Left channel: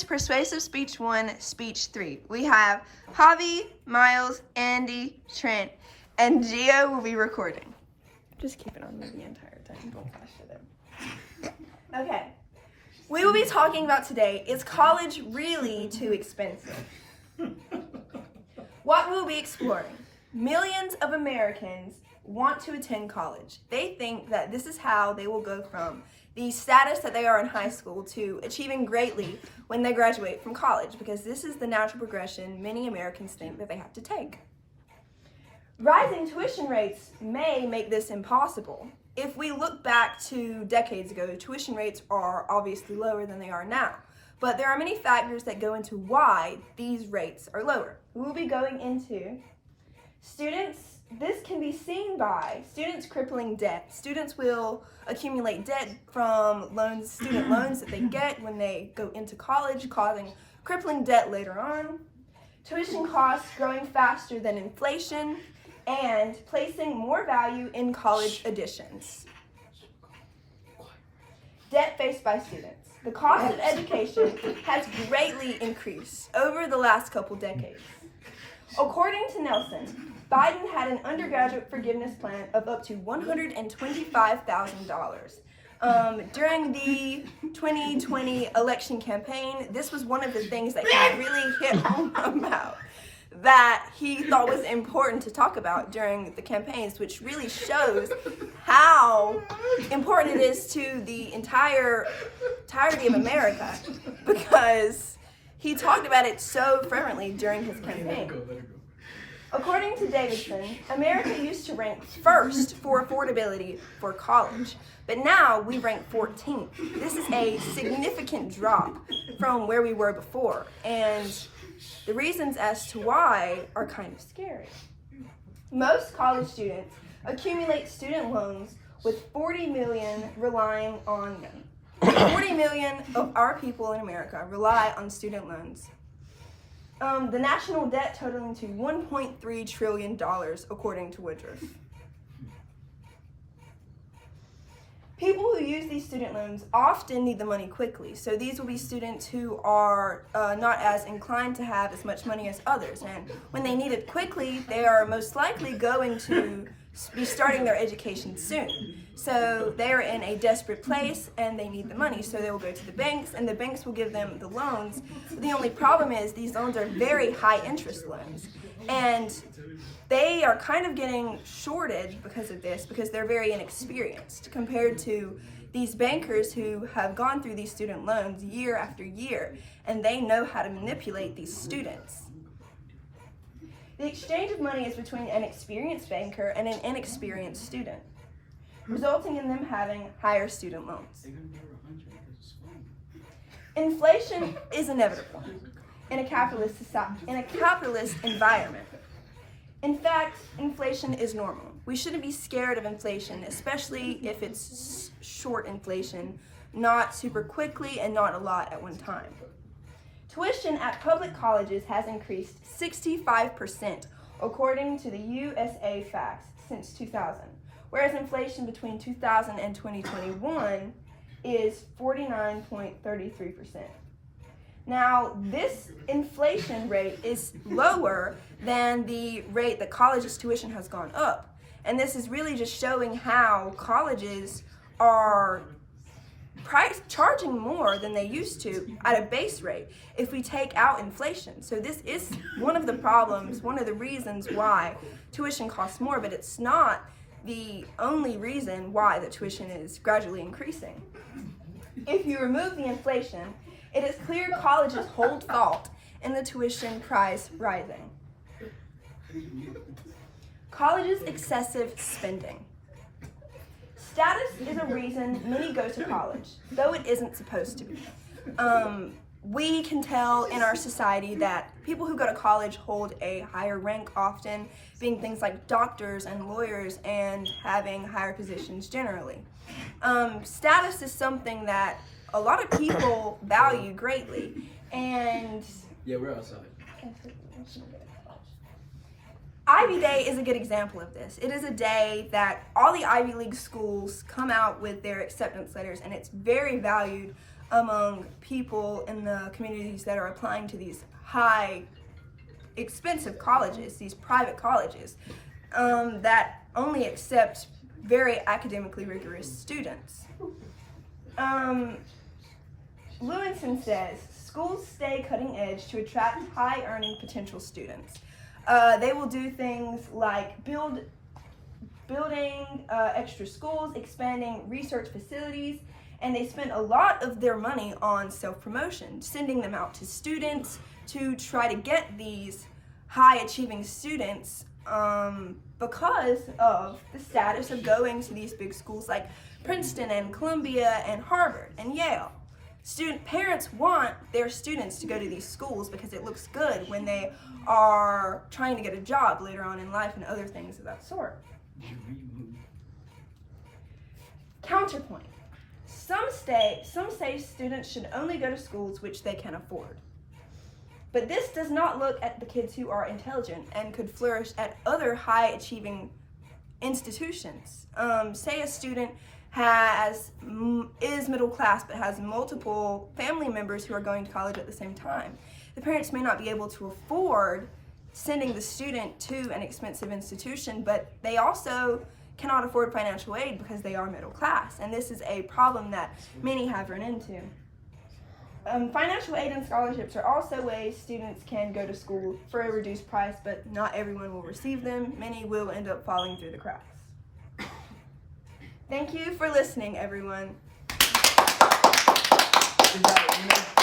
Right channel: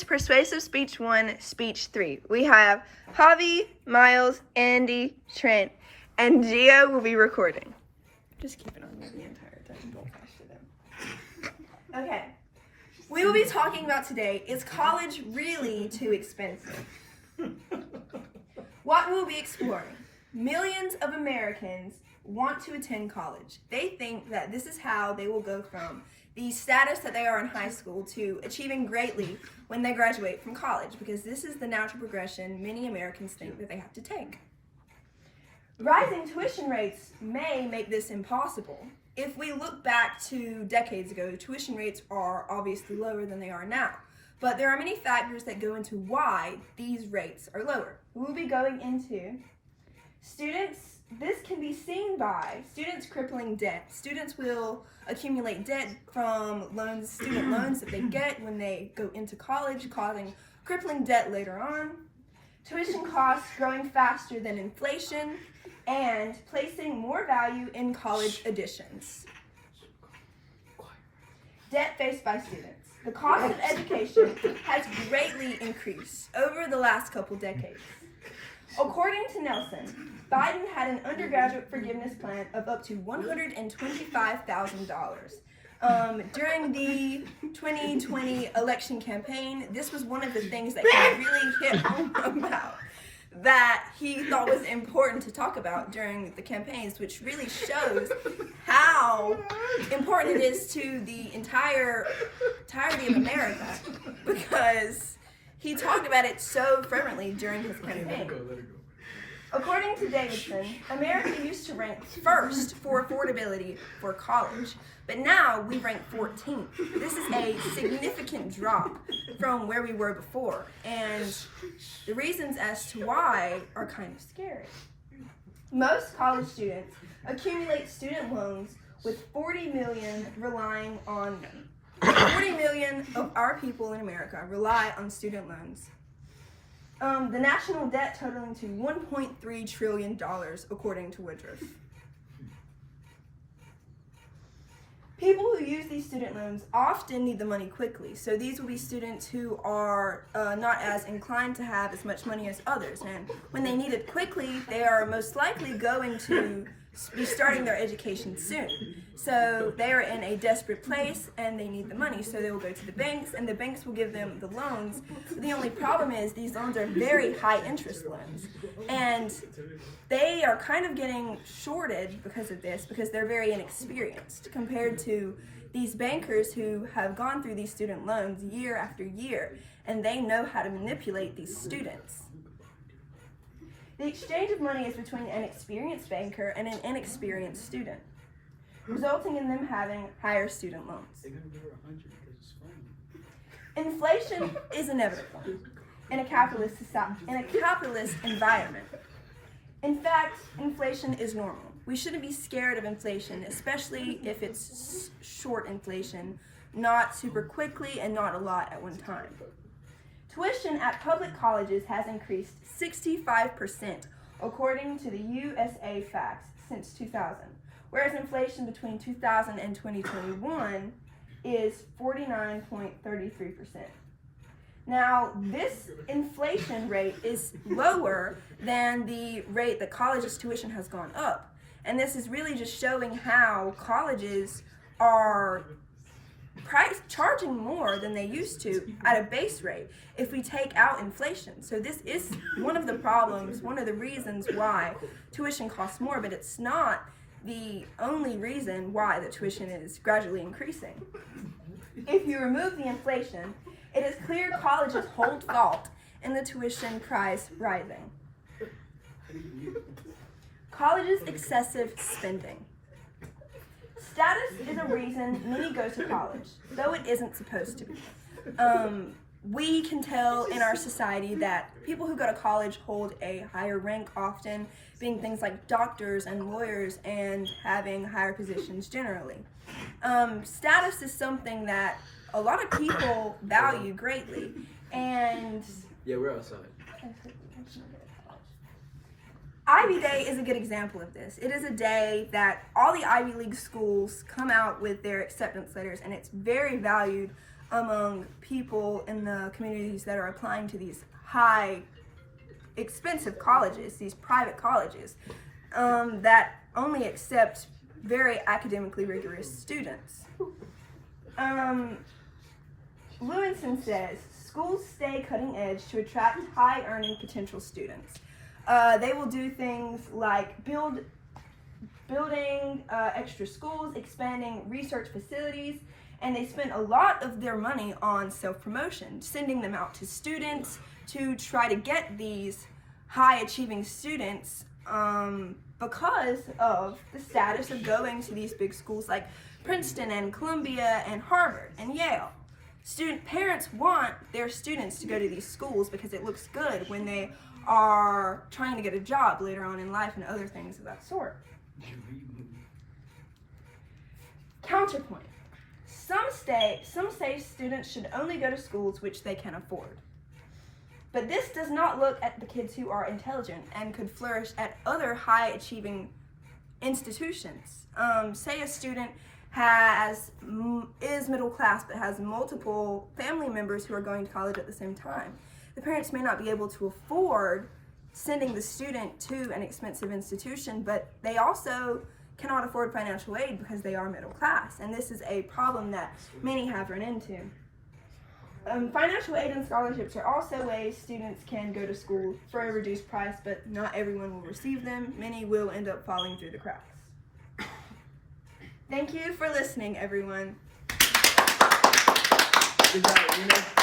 is Persuasive Speech 1, Speech 3. We have Javi, Miles, Andy, Trent, and Gio will be recording. Just keep it on the entire time. Don't flash it in. Okay. We will be talking about today, is college really too expensive? What we will be exploring. Millions of Americans want to attend college. They think that this is how they will go from the status that they are in high school to achieving greatly when they graduate from college, because this is the natural progression many Americans think that they have to take. Rising tuition rates may make this impossible. If we look back to decades ago, tuition rates are obviously lower than they are now, but there are many factors that go into why these rates are lower. We'll be going into students. This can be seen by students crippling debt. Students will accumulate debt from student loans that they get when they go into college, causing crippling debt later on. Tuition costs growing faster than inflation, and placing more value in college admissions. Debt faced by students. The cost of education has greatly increased over the last couple decades. According to Nelson, Biden had an undergraduate forgiveness plan of up to $125,000. During the 2020 election campaign, this was one of the things that he really hit home about, that he thought was important to talk about during the campaigns, which really shows how important it is to the entirety of America, because he talked about it so fervently during his campaign. According to Davidson, America used to rank first for affordability for college, but now we rank 14th. This is a significant drop from where we were before, and the reasons as to why are kind of scary. Most college students accumulate student loans with 40 million relying on them. 40 million of our people in America rely on student loans. The national debt totaling to $1.3 trillion, according to Woodruff. People who use these student loans often need the money quickly, so these will be students who are not as inclined to have as much money as others, and when they need it quickly, they are most likely going to be starting their education soon. So they are in a desperate place and they need the money, so they will go to the banks and the banks will give them the loans. The only problem is these loans are very high interest loans, and they are kind of getting shorted because of this, because they're very inexperienced compared to these bankers who have gone through these student loans year after year, and they know how to manipulate these students. The exchange of money is between an experienced banker and an inexperienced student, resulting in them having higher student loans. Inflation is inevitable in a capitalist environment. In fact, inflation is normal. We shouldn't be scared of inflation, especially if it's short inflation, not super quickly and not a lot at one time. Tuition at public colleges has increased 65%, according to the USA Facts, since 2000, whereas inflation between 2000 and 2021 is 49.33%. Now, this inflation rate is lower than the rate that colleges' tuition has gone up, and this is really just showing how colleges are charging more than they used to at a base rate if we take out inflation. So this is one of the problems, one of the reasons why tuition costs more, but it's not the only reason why the tuition is gradually increasing. If you remove the inflation, it is clear colleges hold fault in the tuition price rising. Colleges' excessive spending. Status is a reason many go to college, though it isn't supposed to be. We can tell in our society that people who go to college hold a higher rank often, being things like doctors and lawyers and having higher positions generally. Status is something that a lot of people value greatly, and yeah, we're outside. Ivy Day is a good example of this. It is a day that all the Ivy League schools come out with their acceptance letters, and it's very valued among people in the communities that are applying to these high, expensive colleges, these private colleges, that only accept very academically rigorous students. Lewinson says, schools stay cutting edge to attract high-earning potential students. They will do things like building extra schools, expanding research facilities, and they spend a lot of their money on self-promotion, sending them out to students to try to get these high-achieving students because of the status of going to these big schools like Princeton and Columbia and Harvard and Yale. Parents want their students to go to these schools because it looks good when they are trying to get a job later on in life and other things of that sort. Counterpoint. Some say students should only go to schools which they can afford. But this does not look at the kids who are intelligent and could flourish at other high-achieving institutions. Say a student is middle class but has multiple family members who are going to college at the same time. The parents may not be able to afford sending the student to an expensive institution, but they also cannot afford financial aid because they are middle class, and this is a problem that many have run into. Financial aid and scholarships are also ways students can go to school for a reduced price, but not everyone will receive them. Many will end up falling through the cracks. Thank you for listening, everyone. Is that,